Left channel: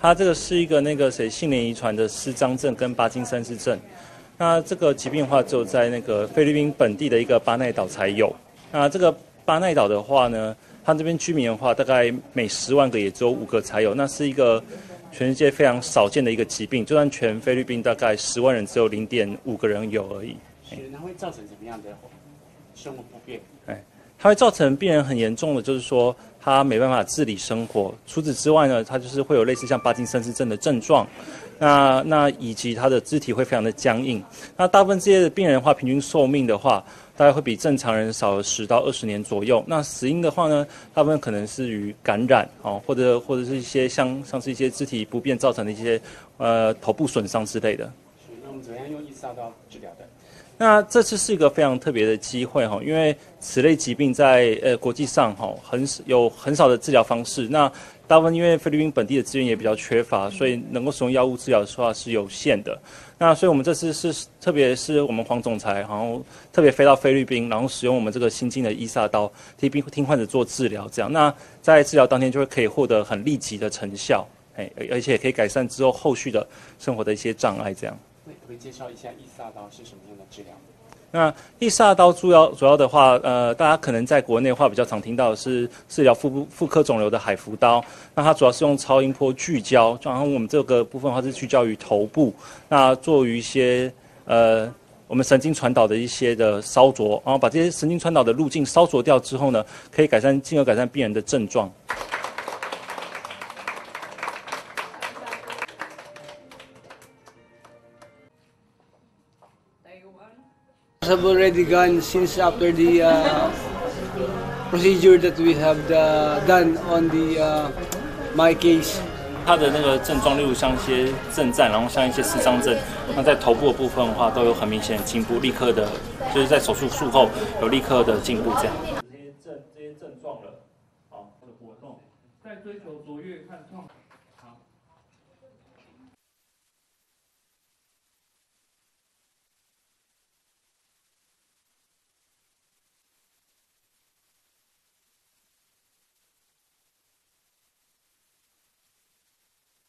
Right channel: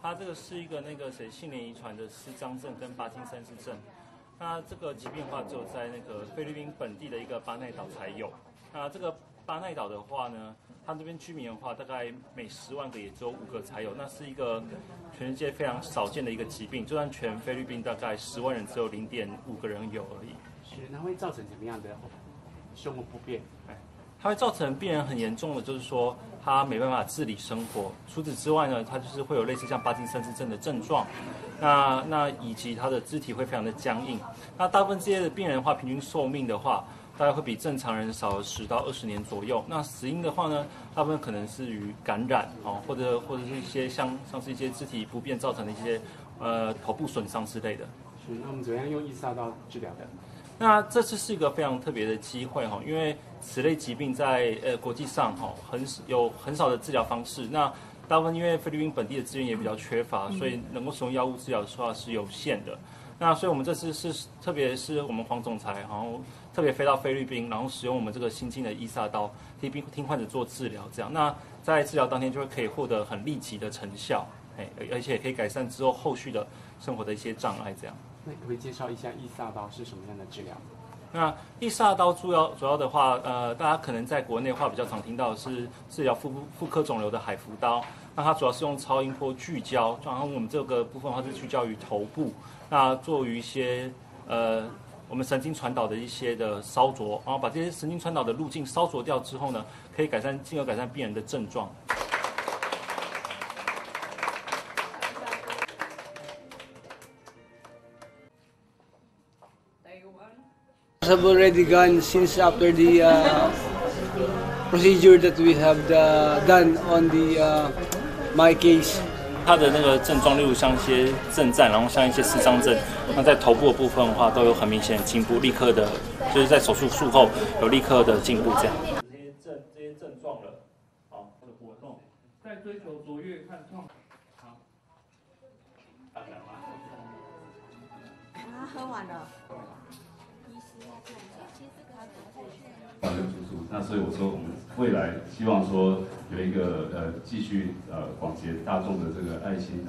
它这个是一个性联遗传的失张症跟巴金森氏症。那这个疾病的话，只有在那个菲律宾本地的一个巴奈岛才有。那这个巴奈岛的话呢，它这边居民的话，大概每10万个也只有5个才有。那是一个全世界非常少见的一个疾病，就算全菲律宾大概10万人只有0.5个人有而已。那会造成什么样的生活不便？它会造成病人很严重的，就是说他没办法自理生活。除此之外呢，他就是会有类似像巴金森氏症的症状。那以及他的肢体会非常的僵硬。那大部分这些病人的话，平均寿命的话，大概会比正常人少10到20年左右。那死因的话呢，大部分可能是与感染或者是一些像是一些肢体不便造成的一些头部损伤之类的。是，那我们怎么样用意识到治疗的？那这次是一个非常特别的机会因为此类疾病在国际上有很少的治疗方式。那大部分因为菲律宾本地的资源也比较缺乏，所以能够使用药物治疗的话是有限的。那所以我们这次特别是我们黄总裁特别飞到菲律宾，然后使用我们这个新进的伊萨刀替患者做治疗，这样那在治疗当天就会可以获得很立即的成效，而且也可以改善之后后续的生活的一些障碍，这样。那可不可以介绍一下伊萨刀是什么样的治疗？那伊萨刀主要的话，大家可能在国内的话比较常听到的是治疗妇科肿瘤的海扶刀。那它主要是用超音波聚焦，然后我们这个部分的话是聚焦于头部，那做于一些我们神经传导的一些的烧灼，然后把这些神经传导的路径烧灼掉之后呢，可以进而改善病人的症状。Have already gone since after the procedure that we have done on my case. 它的那个症状，例如像一些震颤，然后像一些失张症，那在头部的部分的话，都有很明显的进步，立刻的，就是在手术术后有立刻的进步这样。这些症状了，的活动，在追求卓越看创。好。喝完了。那所以我说，我们未来希望说有一个继续广结大众的这个爱心。